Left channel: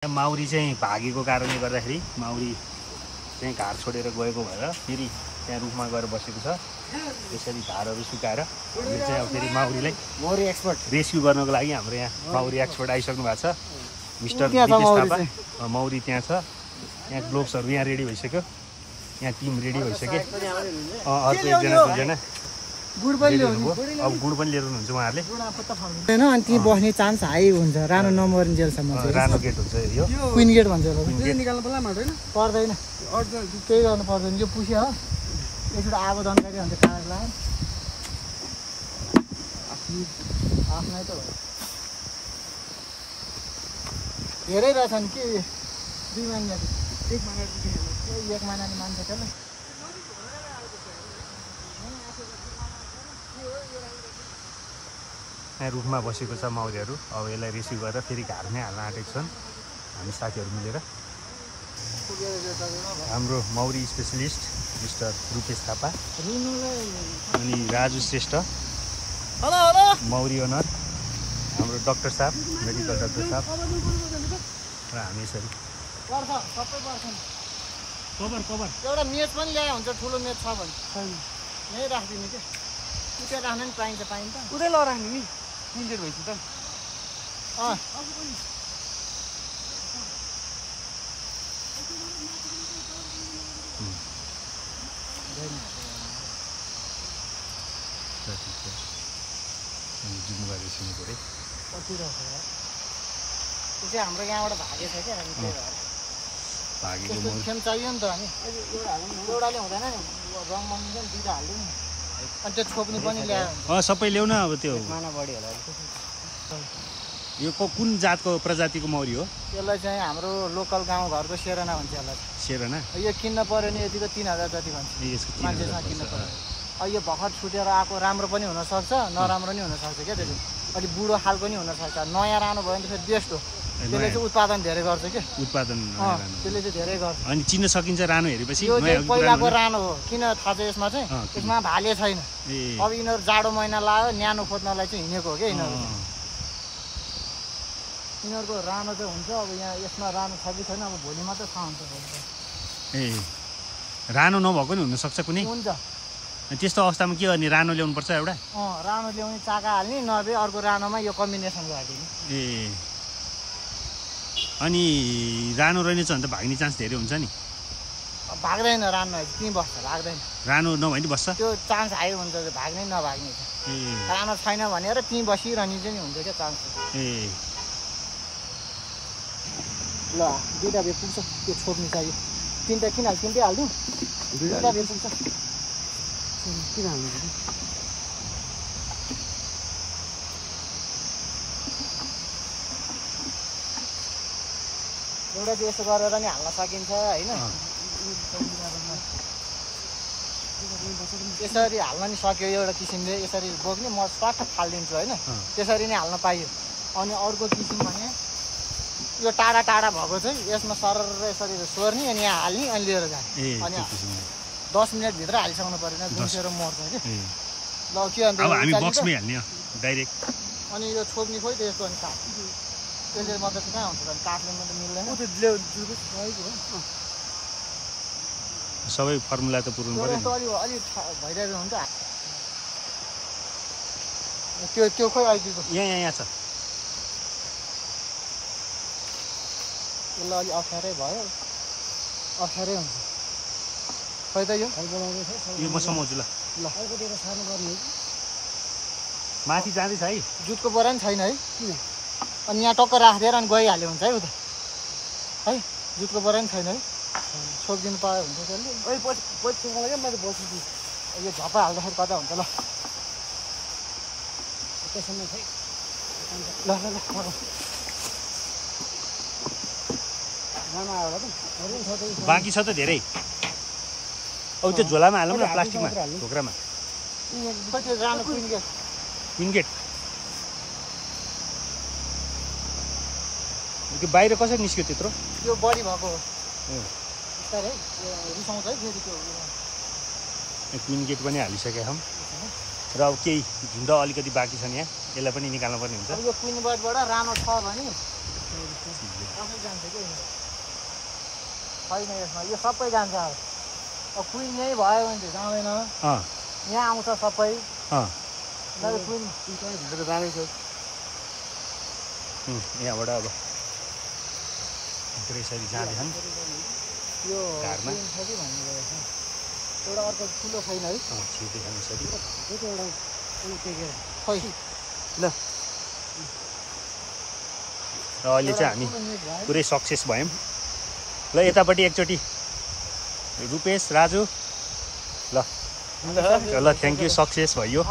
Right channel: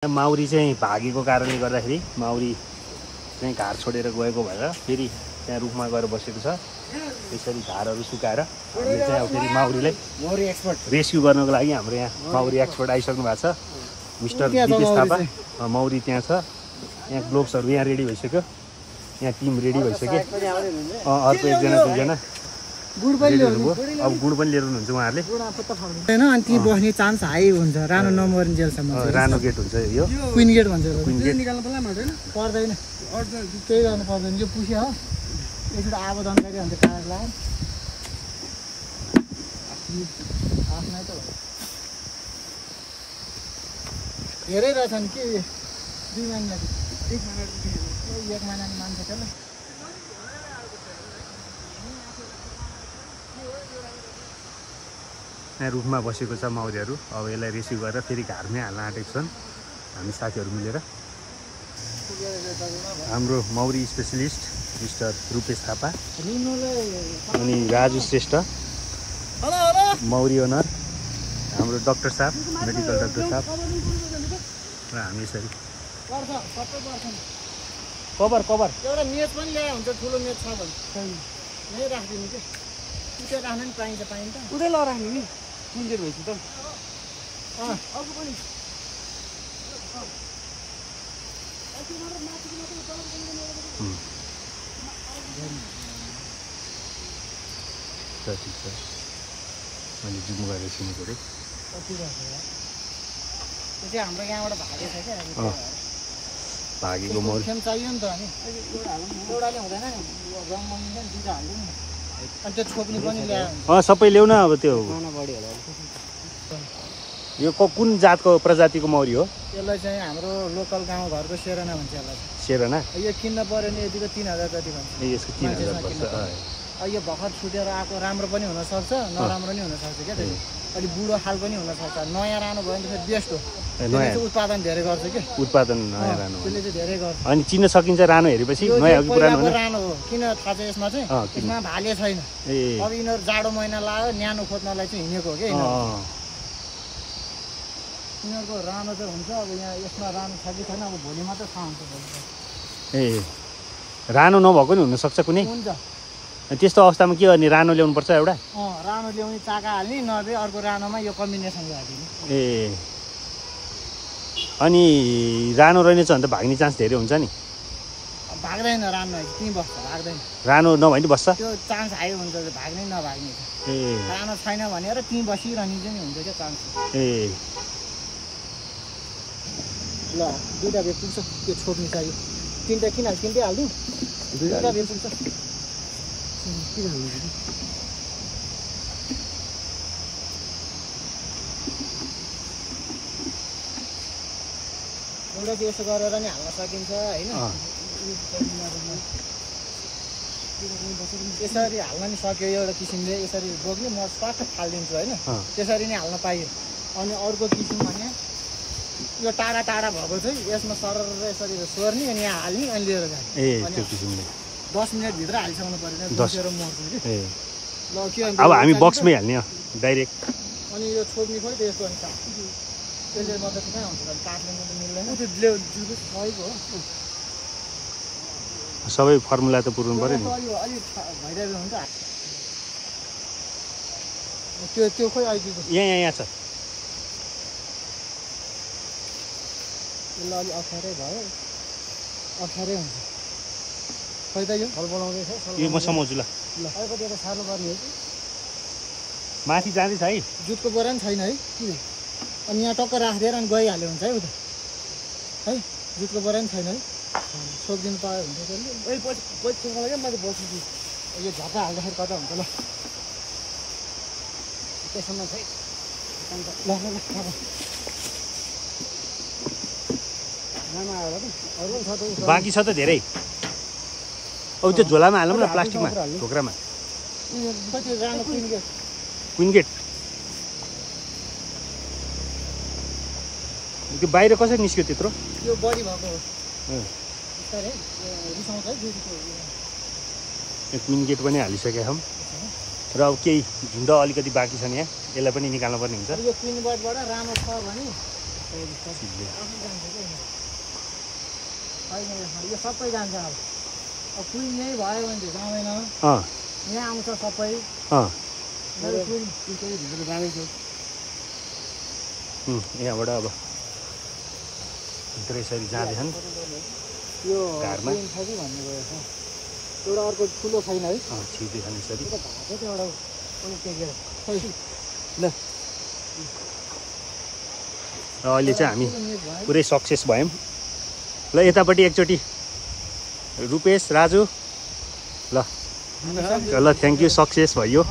Maori चाहिँ भागेको कारणले गर्दाखेरि माउरी चाहिँ घर छोडेर गएको भएर फेरि त्यहाँ रुखमा गएर बसेको छ। यसरी घरहरू सुकाएर फेरि माउरीलाई माउरी एक्सपर्ट रेस्क्यु गर्नको लागि हाम्रो यहाँ माउरी एक्सपर्ट आइसक्नु भएको छ। मिस्टर माउरी त्यहाँ छ। यहाँ ग्लोभ्सहरू यहाँ रेडी भइसक्यो। यहाँ टिम रेडी भइसक्यो। अर्को एकजना गुड पनि ल्याउने अब गुड पनि लिएर हुनुहुन्छ उहाँहरूले हैन। अनि त्यही बस्ने चान्स हाई हुन्छ। रानो नम्बर जेलसम्म रानो गेट हुन्छ यो क्वीन गेट भन्छ होला। निकाल्नु पर्दैन केही गर्नु पर्दैन। यो पुस्यो हो यसबाट आगो जानकारी हुन्छ कागजलाई आफ्नै त हो। धेरै रहेछन् कि 2 महिना 1 महिना नि मान्छ त्यसले। यहाँ रुखमा बसेको छ माउरीहरू। अब यसलाई रेस्क्यु गरेर फेरि घरमै हाल्न आँटेको छन् हामी साथीहरू मिलेर। हाम्रो Maori specialist mister Rupesh Thapa अनि राजु श्रेष्ठ माउरी ओनर हाम्रो डाक्टर साहब मेडिकल डाक्टर साहब र हामी यसरी कभर एउटा मेच पनि ल्याए हुन्छ। ठुलो मेच छ भने यहीँ राखिदिनु के उतै राख्नु नि पाइन्छ उतै लराख्ने नि कुन चाहिँ भइसक्यो त हाम्रो यहाँबाट भागेछ क्या भागेको चाहियो नि त। हामी एउटाले हुँदैन नि रङ मङ्गिन्छ नि 2टा हाल्यो नि। अनि त्यो छोप्ने पनि ल्यायो सबै ल्याउ न। अब त्यो खाना बढी होला। यो कुन जातको प्रजातिको मौरी हो? यसलाई चाहिँ हाम्रो लोकल गाउँ घरको सेरना भन्छ यसलाई। सेरना यो किन्न पर्यो नि यतिको 3000 जति भन्छ मान्छेसँग किन्न पर्यो। यो भर्खर छुटेर आएको राम्रो पनि हुनसक्छ नराम्रो नि हुनसक्छ क्या। त्यसले अलिक बुढो खाल पनि हुनसक्छ। नयाँ रानो भयो भने त फेरि बेस्ट हो। त्यसले चाहिँ उत्पादन धेरै गर्छ कि उत्पादन त्यसले चाहिँ धेरै गर्छ। अनि चिन्न सकिन्छ रानो हेरेपछि यो चाहिँ पहिलाको रानो हो। किन थाहा छ यसमा चाहिँ यसमा भाले छैन। अब यिनीहरू जाडो महिना लाग्यो न्यानो खोज्नलाई चाहिँ हिँडेको हो क्या यिनीहरूको रानो चाहिँ हुन्छ। अब यहाँ यसमा रानो छ कि छैन अब भोलि मात्रै थाहा हुन्छ। रानो नभएको नि हुनसक्छ कुनै। हुन्छ त्यस्तो अवस्थामा के गर्ने? रानो ल्याउनु पर्छ एउटा। रानो ल्याउने चाका हाल्ने नभए अर्को रानोमा यो कम्बिनेसन राखिदिने। अनि रानो रहेछ भने त भाग्ने चान्स धेरै हुन्छ नि। भाग्दैन रानो त्यहीँ बस्छ भाग्दैन। रानो नभए नि बस्छ त्यो चान्स हाई हुन्छ भाग्ने नभाग्ने। रानो छैन भनेर त्यहीँ बसिरहने चाहिँ नि हुन्छ क्या चान्स। ल 2टा भए पुग्छ। त्यो छोप्नु चाहियो। 3टा किन हाल्छ 3टै हालिदिउँ। 2टा भए पुग्छ। किन हाल्नु एउटा चाहिँ यसो गरेर नि हाल्न सकिन्छ होइन। यसरी हाल्न नि सक्यो एउटा किसिमले। यसरी बोक्ने म स्वाट फालिदिन्छु होइन। त्यसरी नै हाल्न पाइयो। अनि अर्को किसिम भने यो टाढा टाढा भएको चाहिँ यसमा सरर यसरी सोर्ने अनि यहाँ हाल्ने अनि लिएर जाने। अनि 10 मिनटभित्र हालिसक्नु परेन घुसेर मर्छ कि। ल के अन्त अब हामी बक्समै हाल्ने डाइरेक्ट। अनि यो छोप्ने खोइ त यस्तो अनि काट त्यसले मात्रै कहाँ हुन्छ त काठले मात्रै मिल्दैन। सबै फर्मुला त पुर्नु पर्यो नि। अलिक भइरहेको हुन्छ त्यो खोइ आइदिएको यहाँ छ। ल अलिक अप्ठ्यारै भयो अप्ठ्यारै हुन्छ खोइ त यो यो म समाउँछु ल। अलिकति सानो गर्ने हो कि माथि जाँदैछ है। जुटको बोरा नि छैन है किन। अनि यहाँ टक्क राखिदिएर अनि गइहाल्यो हुन्छ है उता है। जुटको बोरा नि छैन है। छोपिदिनु पायो हुन्छ त्यसले। मैले बस्छु यो झप्पा हाल्दाखेरि कता हुन्छ ल त्यसमा ल ल बाँकी छ त धेरै। अब त्यो झोलामा हालौँ न प्लास्टिकमा ढोक्रामा। क्वीन गेट त्यो बाहिर कसरी निस्क्यो त्यत्रो? यो बढी भएको हो बिस्तारै रिसाउँछ है फेरि त्यो। क्वीन गेट पनि हालिसकेका छौँ र अब केही झुन्ड अलिकति बाँकी छ नि यहाँ। यसलाई पनि निकाल्नु पर्ने हुन्छ। अब यो क्वीन बर्डबाट रानो छ भने आफै जान्छ कि छैन यसमा यो सबै जान्छ अब क्विन नै भयो भने चाहिँ जाँदैन यहाँ आउँछ सबै क्विन भित्र जाँदैछ यहाँबाट अब यसरी जाँदैछन् यो क्विन छ कि भन्ने एउटा अर्को ठुलो छैन है ल अहिले चाहिँ हामी पुरै सक्सेस भयौँ ल यतापट्टि एकचोटि रुपेश राजु ल थ्याङ्क यू सक्सेस भयो